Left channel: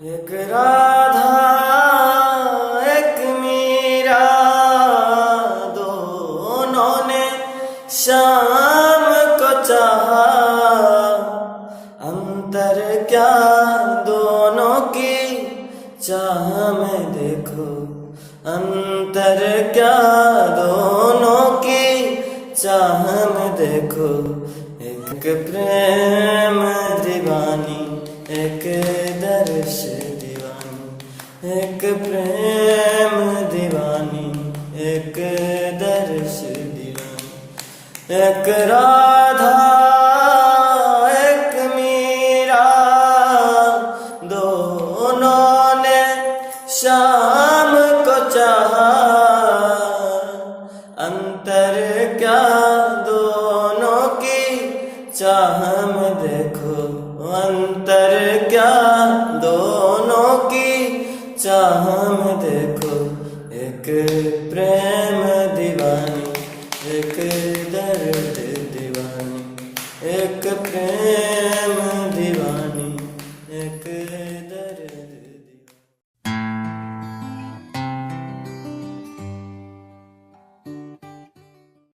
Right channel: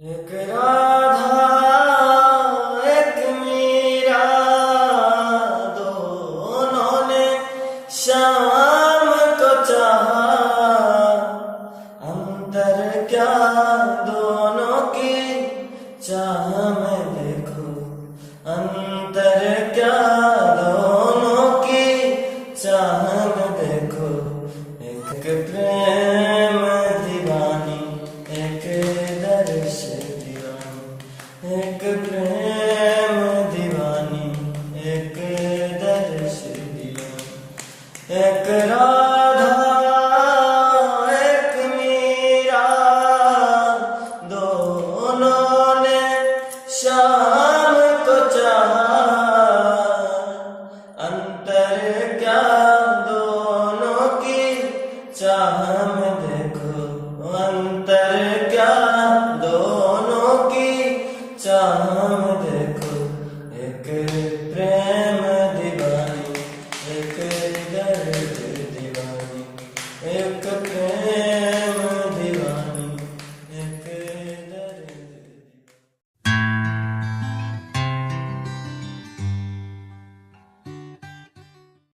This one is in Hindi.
एक राधा एक मीरा दोनों ने शाम को चाहा, अंतर क्या दोनों की चाह में देखो, अंतर क्या दोनों की चाह में देखो। एक प्रेम दीवानी एक दर्श दीवानी, एक प्रेम दीवानी एक दर्श दीवानी, एक